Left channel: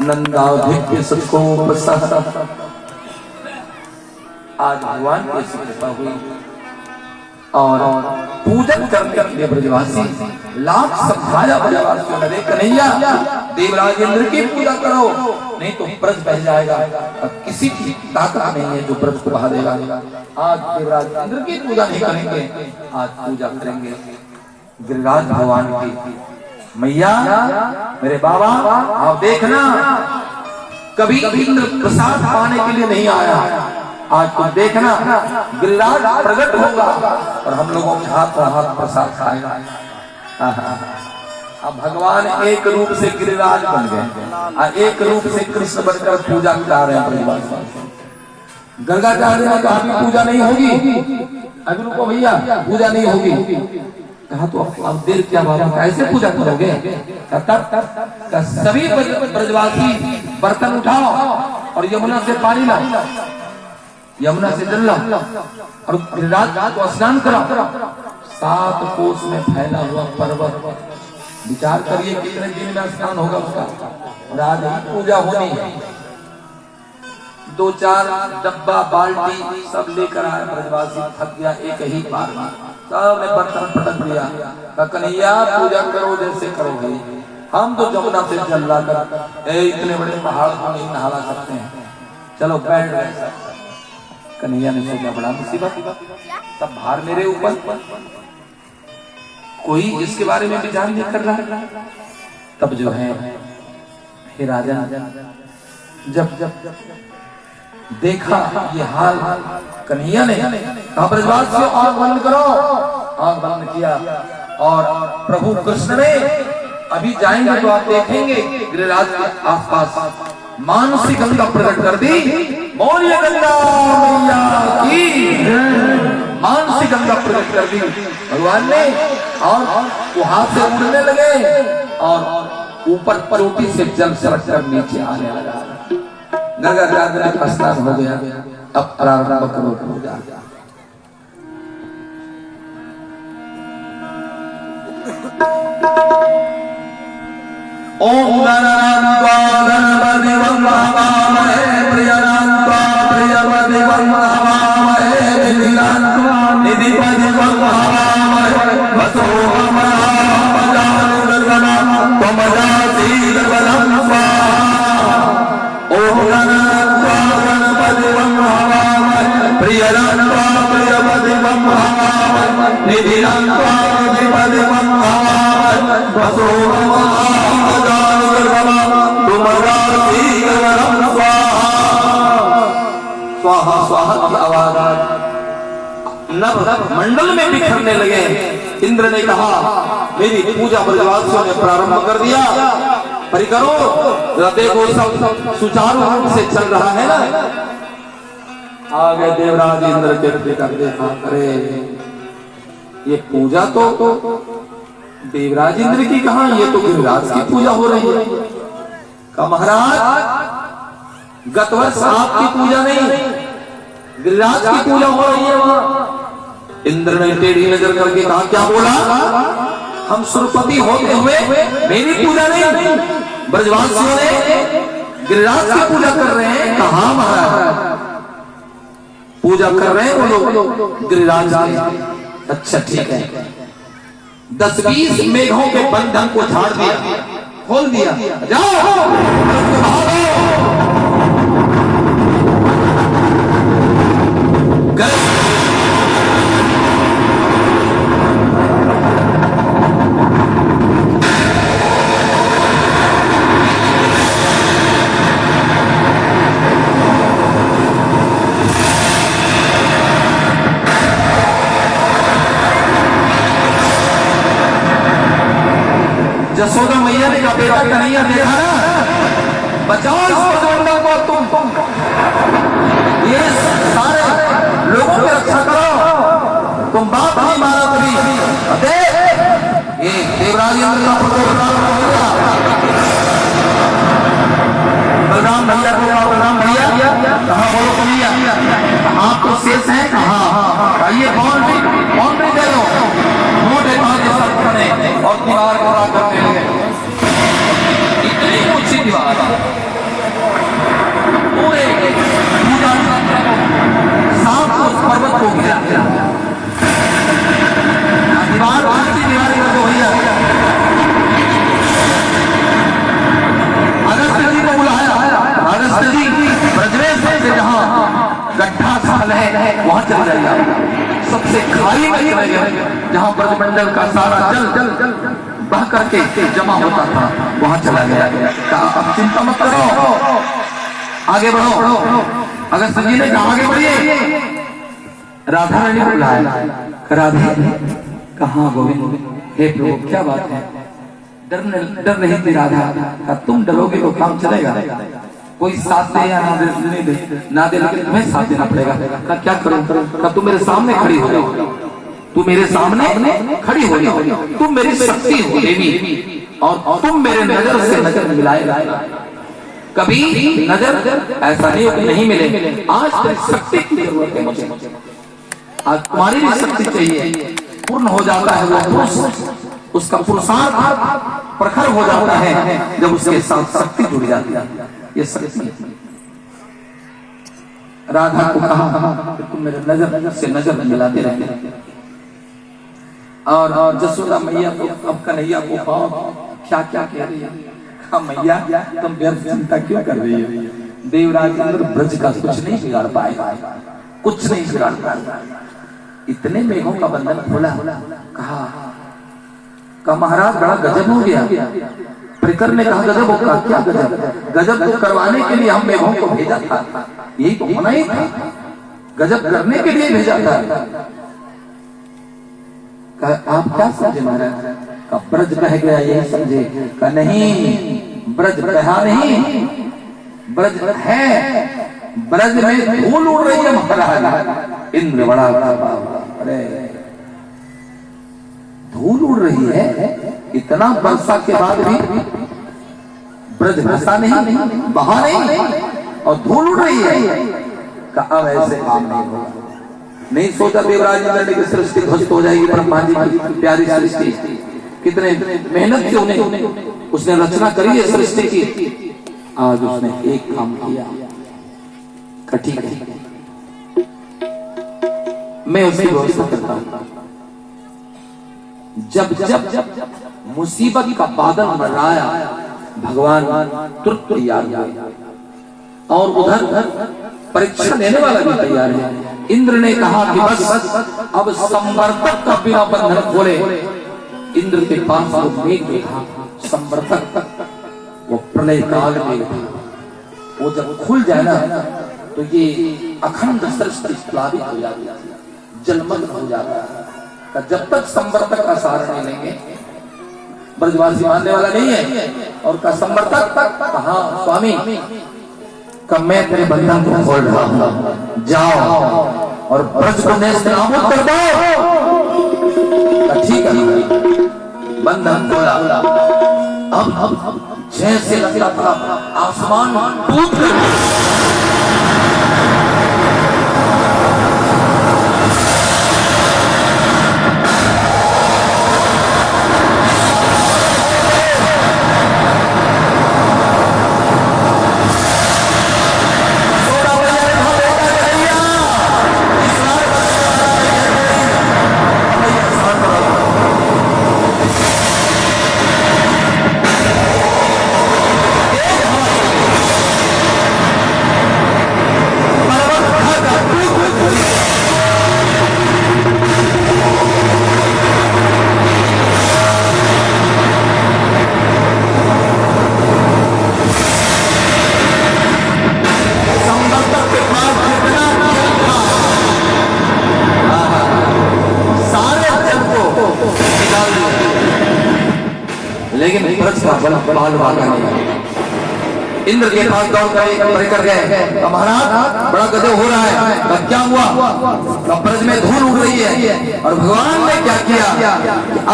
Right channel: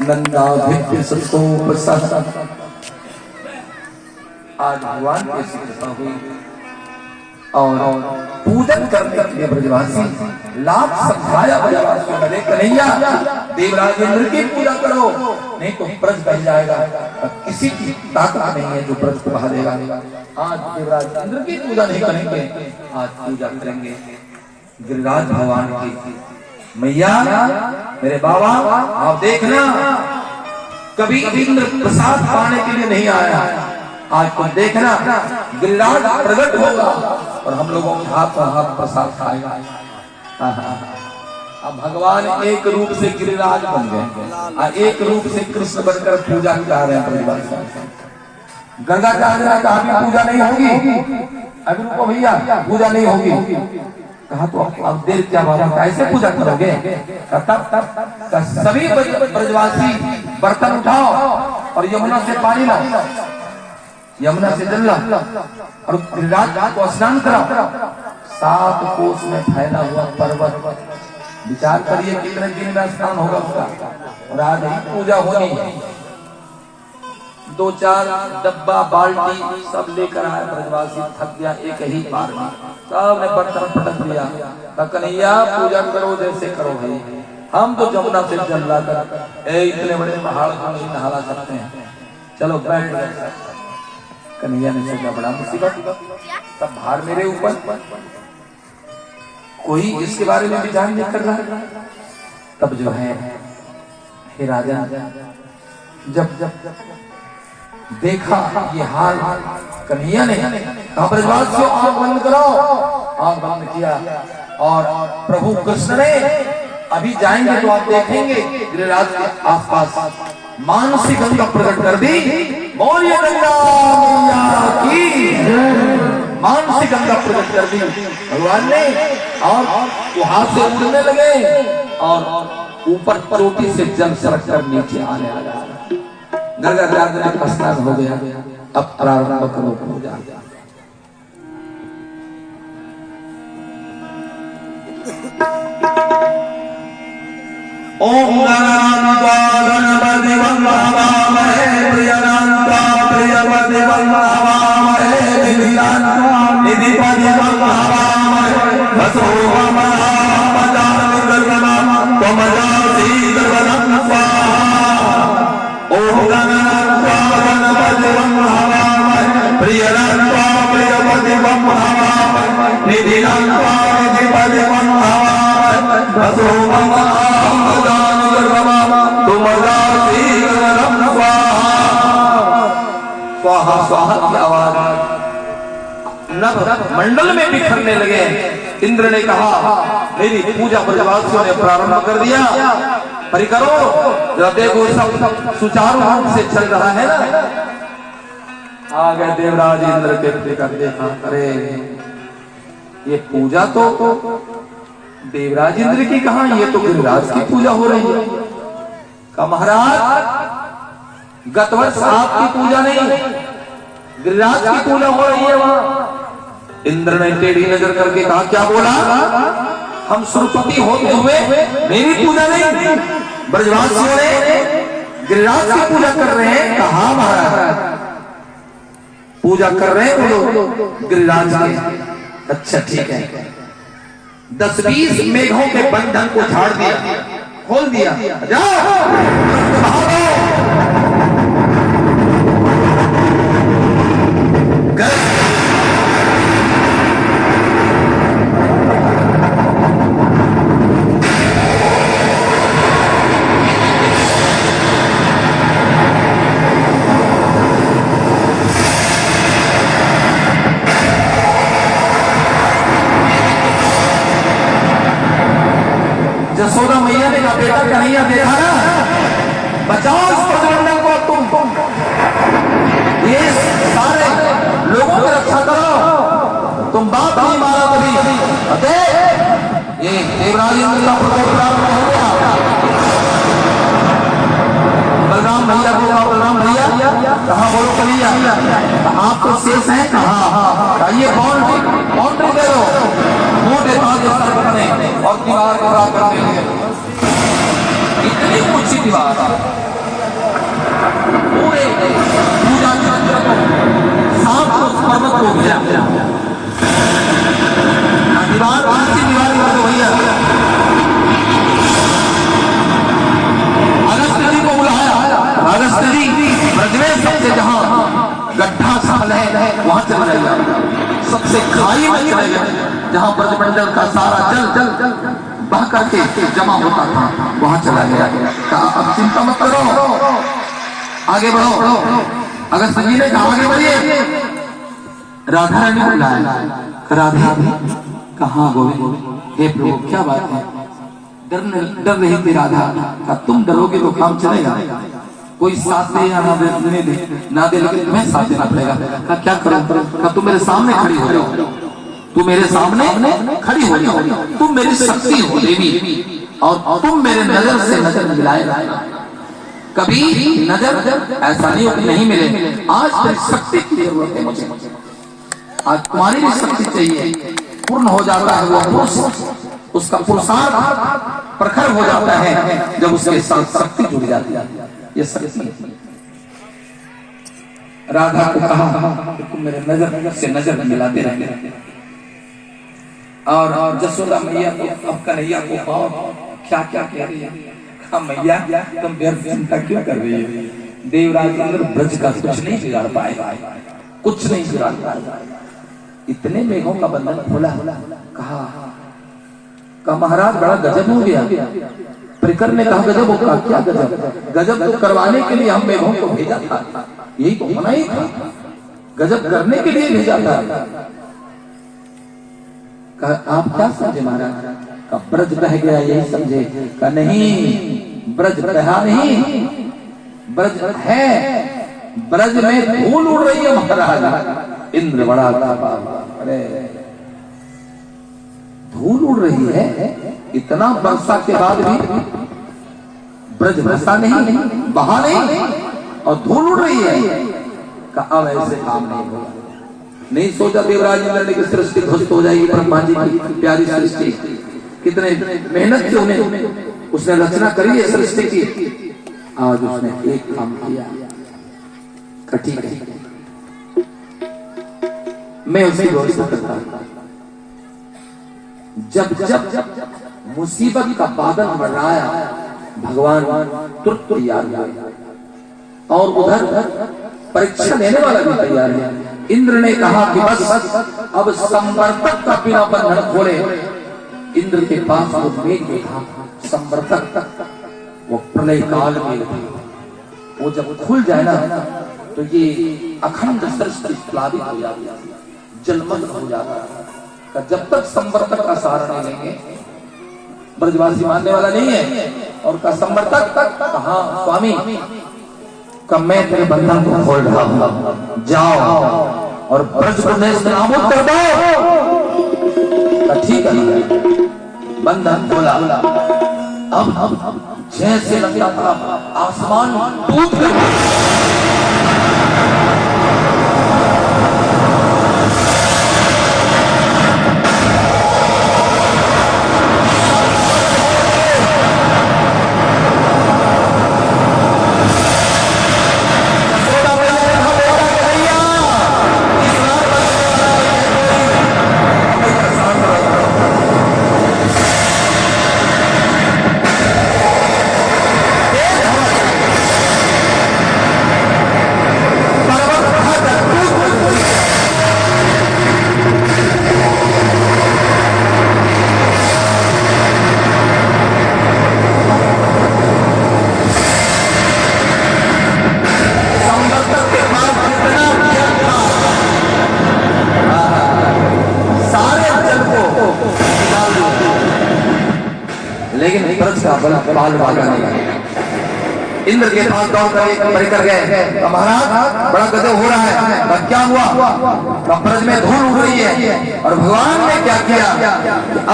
नंदाधिक्य सबको आज भगवान की कृपा हुई और पूजन करने के लिए ब्रजवासी लाभ समझाया ब्रजवासियों ने, कन्हैया देवराज इंद्र की पूजा करो नहीं तो ब्रज बह जाएगा। अब किसी की ताकत नहीं है जो ब्रज को बहा देगा। आज देवराज इंद्र की पूजा नहीं करेंगे, आज पूजा करेंगे गिरिराज भगवान की। मैया मेरे बाबा आप देखना, कभी इंद्र प्रसाद पाने के लिए नहीं आया, आज तुम देखना गिरिराज प्रकट होगा और हम लोगों के हाथ और हाथ प्रसाद खाएगा। अब भगवान एक रूप से गिरिराज बन गए, एक रूप से कृष्ण बनकर पूजा करा रहे हैं। गंगा चाह कहा पूजा नहीं होगी, अभी रुको भैया पूजा नहीं होगी। कहा तो अब देर क्या बाबा कैसे पूजा करोगे? तब सभी ब्रजवासी बर्तन उठाओ और यमुना से पानी लाओ, यमुना से जल लाओ और गिरिराज को स्नान कराओ। 7 कोस में फैला हुआ पर्वत, विचार करिए कितने दिन में स्नान होगा उसका। और आज ही पूजा होनी है। 2-4 डब्बा बाल्टी सब लेकर आए ब्रजवासी, थक गया एक ही बार में, सबने बर्तन पटक दिया। कन्हैया पूजा करो जैसे करो भाई, हम तो जमुना से जल लाकर इतने बड़े पहाड़ को नहीं नहा सकते हैं, चलो बैठ गए। कन्हैया ने सोचा बड़ा मुसीबत, तब भार मेरे ऊपर, कोई इसके बारे में विचार नहीं कर रहा। तब जो है हे राजा जब देखा ये हाल, कन्हैया ने कहा ब्रजवासियों आंख बंद करो, आंख बंद किया और प्रभु कृष्ण ने अभी जाएंगे तो आप देखेंगे गिरिराज के आसपास मानसिक गंगा प्रकट कर दी। बोलिए गंगा मैया की, मानसिक गंगा प्रकट कर दी भगवान ने। और वो हाथ से उड़ने लगे और ऊपर चोटी से जल सरक कर नीचे आने लगा। गंगा स्नान हो गया, अब प्रारंभ करो पूजा। ओम गणपति वं हवामहे प्रियनान्त्वा प्रियपति वं हवामहे निधिपति वं हवामहे वसो त्वमजासीदवनं स्वाहा। ओम गणपति वं हवामहे प्रियनान्त्वा प्रियपति वं हवामहे निधिनान्त्वा निधिपति वं हवामहे वसो स्वाहा स्वाहा की आवाज नभ मंडल में बिखरने लगे। इंद्र ने कहा मेरी पूजा ब्रजवासियों ने प्रारंभ कर दिया, परिकरो देखो सब सुचारू रूप से चल रहा है ना। आ गए देवराज इंद्र के कर देखा, अरे ये पूजा तो देवराज इंद्र की कहा, ये तो गिरिराज की पूजा हो रही है। का महाराज गत वर्ष आपकी पूजा नहीं गिरिराज की पूजा हो रही है वहां। इंद्र ने टेढ़ी नजर करके कहा क्या बोला? हम सुरपति होते हुए मेरी पूजा नहीं, ब्रजवासियों ने गिरिराज की पूजा कर रहे हैं। कहा महाराज पूजा कर रहे हैं वो लोग गिरिराज की। अच्छा ठीक है, 10-20 मेघों के बंधन को झाड़ दिया, खोल दिया, जाओ जसोदा मैया ने बेटा कन्हैया देखा ना, बचाओ इस ब्रजमंडल को, तुम ये सारे लोगों की रक्षा करो, तुम बाप नहीं मारा कभी। ये देवराज इंद्र का प्रकोप प्रारंभ हो गया। बलराम भैया बोला, बलराम भैया कहा बोलो कन्हैया आप तो शेष है, कहा ये बाउंड्री दे दो, मोटे ताजे सर पकड़े और दीवार को रात करने लगे। दीवार पूरे पूजा सात उस पर्वत को गिरा दीवार दूसरी दीवार तो वही अगस्त जी को बुलाया। अगस्त जी ब्रजवेश से जहां गड्ढा स्थल है वहां चले गए, सबसे खाई में चले गए जहां ब्रजमंडल का सारा जल बह करके जमा होता था, वहां चला गया। अब चिंता मत करो, आगे बढ़ो। अगस्त जी ने कहा आगे बढ़िए। राधा रानी को बुलाया। राधा कहाँ गोविंद? हे प्रभु क्या बात है? डर रही थी राधा। तुम डरोगे तो काम चलेगा, कोई साथ दे या ना दे, लेकिन तुम्हें साथ देना पड़ेगा। क्या करूं? तुम मेरे सामने खड़ी हो जाओ, तू मेरे सामने खड़ी हो जाओ, तुम मेरी शक्ति हो देवी और तुम मेरे नजर से नजर मिलाए। कभी नजर ऐसा नहीं मिले। आज तेरी शक्ति की जरूरत है मुझे, आज तुम्हारी भी शक्ति चाहिए। पूर्ण हो जाता है वो पुरुष, उसका पुरुषार्थ प्रखर हो जाता है जब उसके साथ शक्ति जुड़ जाती है। ये शक्ति राधा को कहा कि तुम मेरे नजर से नजर मिलाते रहे। और जसोदा मैया को अब कन्हैया को पाओ क्या क्या कह रही है। कहा मैया तुम व्यर्थ चिंता क्यों कर रही है? देवराज इंद्र ब्रज का कुछ नहीं बिगाड़ पाएगा, कुछ नहीं बिगाड़ पाएगा। इतने मेघों का बंधन खोला। कहा महाराज बड़ा गजब हो गया। परिकर ने कहा गजब होगा? क्या गजब? गजब तो करवाने के लिए हम मेघों को भेजा था, यही तो होना ही था, गजब करने के लिए भेजा था। आप क्या समझे महाराज? का ब्रज बह गया यही समझे? का नहीं, ब्रज बहा नहीं, ब्रज है, ब्रज में धूल उड़ रही है महाराज। इंद्र बड़ा अरे धूल उड़ रही है, इतना वर्षा के बाद भी ब्रज बसा नहीं, बहा नहीं और धूल उड़ रही है। का अब ऐसे काम नहीं होगा। नहीं सोचा देवराज इंद्र ने कि सृष्टि ध्वस्त हो जाएगी। ब्रह्मा जी की प्यारी सृष्टि, कितने मेहनत से उन्हें उसने रचना करी है सृष्टि की। आज उसने एक काम किया, ठीक है मैं उसकी व्यवस्था करता हूं। जब मुसीबत का बादल मंडराया, भगवान तुरंत तैयार हुए और उधर परीक्षा लेने वाला भी तैयार है। इंद्र ने कहा कि बस अब संवर्तक का बिना बंधन खोले। इंद्र के पास वो मेघ में था संवर्तक, वो प्रलय काल में वो जब खुल जाए ना तो ये अखंड सृष्टि प्लावित हो जाती है, जलमग्न हो जाता है। जब तक संवर्तक का सहारा नहीं लेंगे ब्रजवासी मानने वाला नहीं है। और का संवर्तक कहा स्वामी का मैं तेरे बंधन को खोल रहा हूं, जाओ और ब्रज को नाबूद कर दो। ठीक है, बंधन खोला। अब जैसे लगता था आसमान टूट कर लेकिन ब्रज का बाल भागा नहीं। इंद्र के पास दौड़ कर गए, महाराज बड़ा गजब हो रहा है। क्या हुआ? ब्रज में धूल उड़ रही है और भगवान ने क्या किया?